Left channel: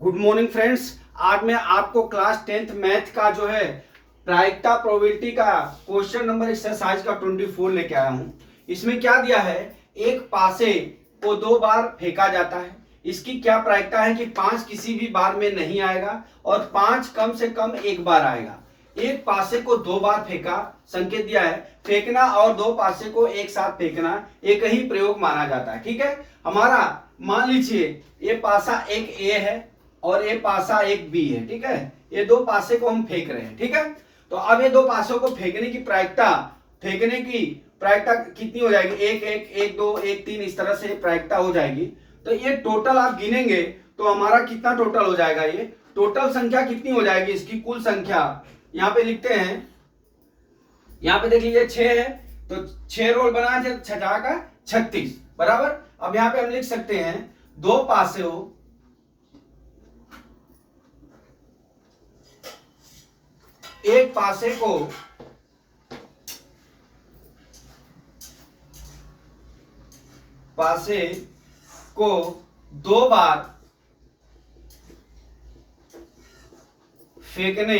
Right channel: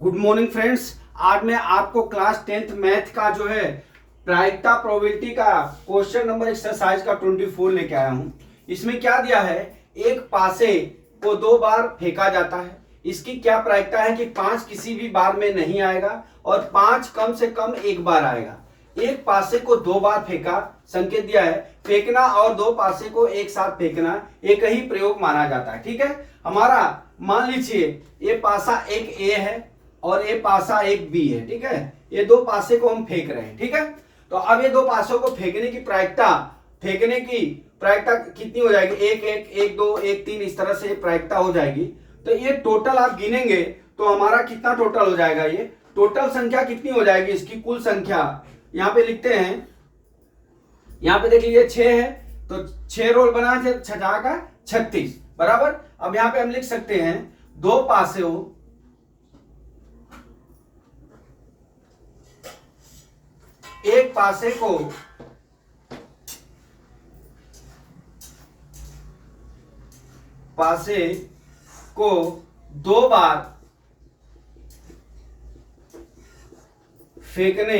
Good morning friends. आज मैं आपको क्लास 10th मैथ का जो है प्रायिकता प्रोबेबिलिटी का क्वेश्चन नंबर एक्सरसाइज का 24 लेके आया हूं। इसमें क्या दिया है, एक पासे को 2 बार फेंका जाता है। इसकी क्या प्रायिकता है कि 5 किसी भी बार में नहीं आएगा और 5 कम से कम एक बार आएगा। एक पासे को 2 बार फेंका, संकेत दिया है फेंकना और 2 पासे को एक साथ फेंकना एक ही प्रयोग माना जाता है। ठीक है, हमारा मान लीजिए ये पासा एक ए है और ये पासा एक बी है। ठीक है, ये 2 पासे को हम फेंक रहे हैं। ठीक है, तो अब ये 2 पासों को फेंकने की प्रायिकता कितनी हो जाएगी, एक एक एक दो एक तीन, इस तरह से प्रायिकता हो जाएगी। तो ये टोटल आप गिनेंगे तो हमारा कितना टोटल हो जाएगा, ये टोटल संख्या कितनी हो जाएगी, इसकी कुल संख्या यहां पे लिखते हैं। यहां पे देख लीजिए 6 है तो 6 रोल बना है 6 का 36 बराबर। अब यहां पे हम लिख सकते हैं 2 पासे हो एक पासे को 2 बार फेंकने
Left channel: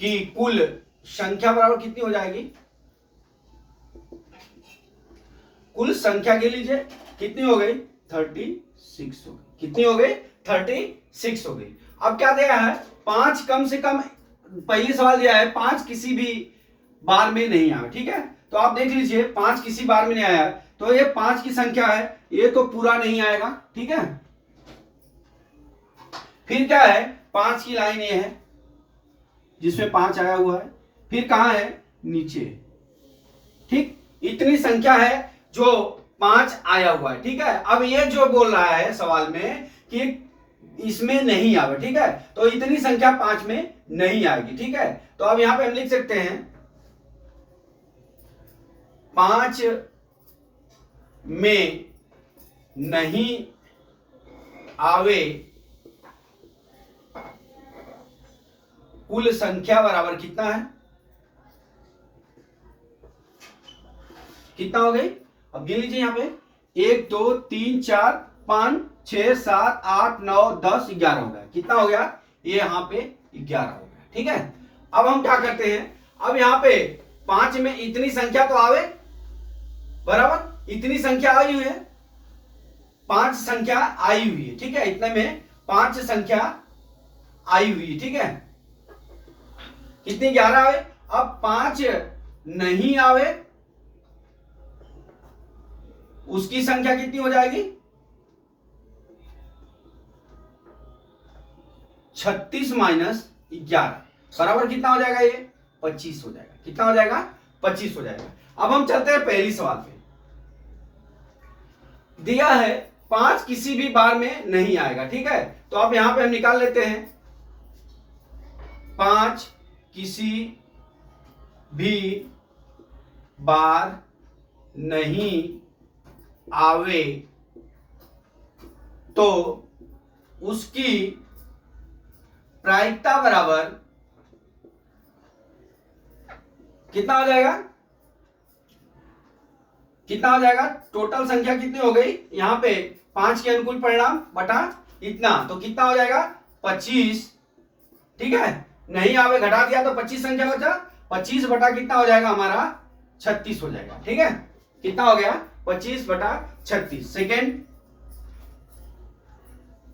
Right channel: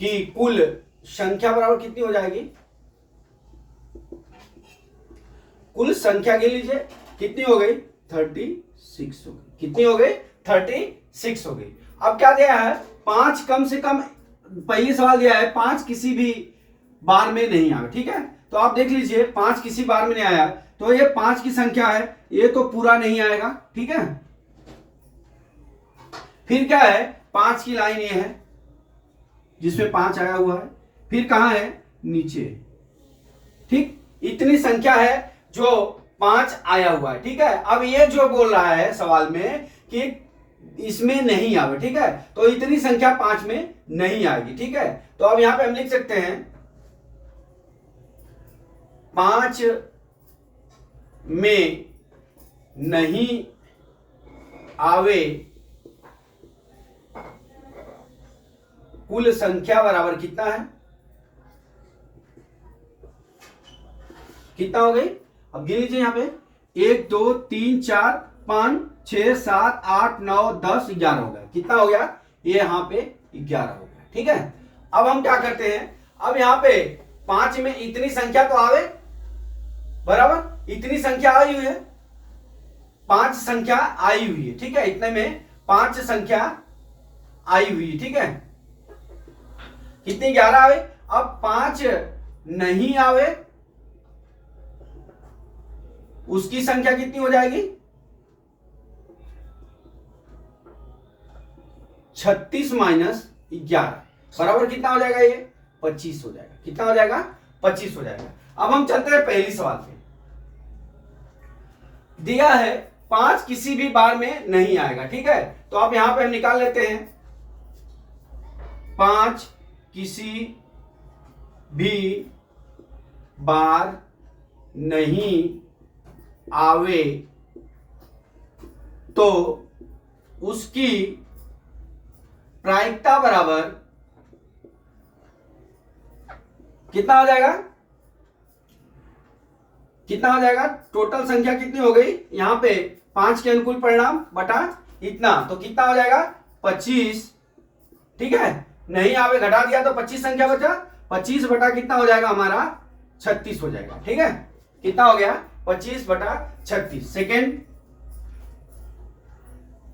की कुल संख्या बराबर कितनी हो जाएगी, कुल संख्या गिन लीजिए कितनी हो गई 36 हो गई। कितनी हो गई 36 हो गई। अब क्या दिया है, 5 कम से कम, पहली सवाल दिया है 5 किसी भी बार में नहीं आया। ठीक है, तो आप देख लीजिए 5 किसी बार में नहीं आया तो ये 5 की संख्या है, ये तो पूरा नहीं आएगा। ठीक है, फिर क्या है 5 की लाइन ये है जिसमें 5 आया हुआ है, फिर कहां है नीचे। ठीक, इतनी संख्या है जो 5 आया हुआ है। ठीक है, अब ये जो बोल रहा है सवाल में कि इसमें नहीं आवे। ठीक है, तो इतनी संख्या 5 में नहीं आएगी। ठीक है, तो अब यहां पे हम लिख सकते हैं 5 में नहीं आवे कुल संख्या बराबर कितना है, कितना हो गई। अब गिन लीजिए यहां पे 1 2 3 4 5 6 7 8 9 10 11 हो गया। कितना हो गया, ये यहां पे 11 हो गया। ठीक है, अब हम क्या करते हैं, अब यहां पे 5 में इतनी संख्या तो आवे बराबर, इतनी संख्या आई हुई है, 5 संख्या आई हुई है। ठीक है, इतने में 5 संख्या आई हुई है। ठीक है, कितनी 11 आवे। अब 5 नहीं आवे उसकी संख्या कितनी हो जाएगी 36 माइनस 11 बराबर कितना हो जाएगा, ये 25 हो जाएगा। कितना हो जाएगा 25 हो जाएगा। अब हम चलते हैं पहली सवाल पे। दिया है 5 किसी भी बार में नहीं आएगा। ठीक है, तो अब यहां पे हम निकाल लेते हैं 5 किसी भी बार नहीं आवे तो उसकी प्रायिकता बराबर कितना हो जाएगा, कितना हो जाएगा, टोटल संख्या कितनी हो गई, यहां पे 5 के अनुकूल परिणाम बटा इतना, तो कितना हो जाएगा 25। ठीक है, नहीं आवे घटा दिया तो 25 संख्या बचा, 25 बटा कितना हो जाएगा हमारा 36 हो जाएगा। ठीक है, कितना हो गया 25 बटा 36।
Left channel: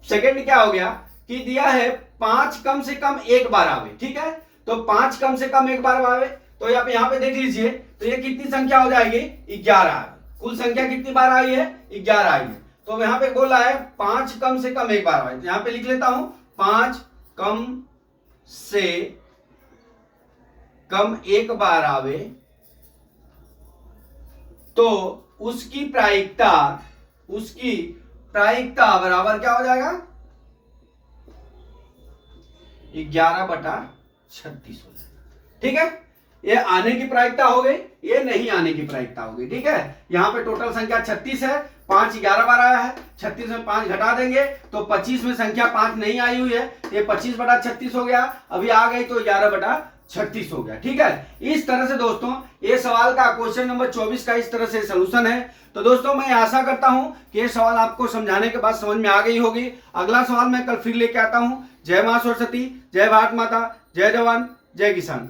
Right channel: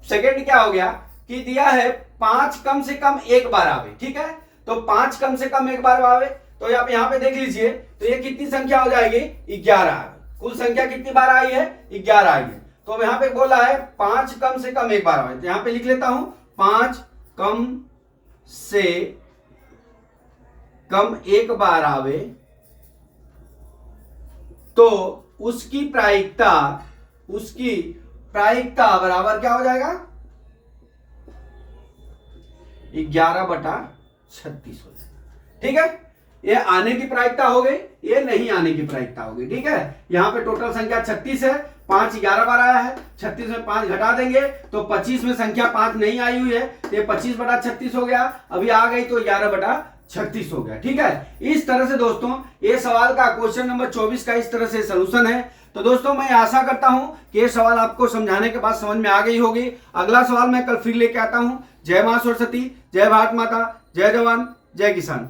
सेकेंड क्या हो गया कि दिया है 5 कम से कम एक बार आवे। ठीक है, तो 5 कम से कम एक बार आवे, तो आप यहां पे देख लीजिए तो ये कितनी संख्या हो जाएगी 11 आ गई। कुल संख्या कितनी बार आई है 11 आई है। तो यहां पे बोला है 5 कम से कम एक बार आवे, तो यहां पे लिख लेता हूं 5 कम से कम एक बार आवे तो उसकी प्रायिकता बराबर क्या हो जाएगा 11 बटा 36 हो जाएगा। ठीक है, ये आने की प्रायिकता हो गई, ये नहीं आने की प्रायिकता हो गई। ठीक है, यहां पे टोटल संख्या 36 है, 5 11 बार आया है, 36 में 5 घटा देंगे तो 25 में संख्या 5 नहीं आई हुई है, ये 25 बटा 36 हो गया। अभी आ गई तो 11 बटा 36 हो गया। ठीक है, इस तरह से दोस्तों ये सवाल का क्वेश्चन नंबर 24 का इस तरह से सलूशन है। तो दोस्तों मैं आशा करता हूं कि ये सवाल आपको समझाने के बाद समझ में आ गई होगी। अगला सवाल मैं कल फिर लेके आता हूं। जय मां सरस्वती, जय भारत माता, जय जवान, जय किसान।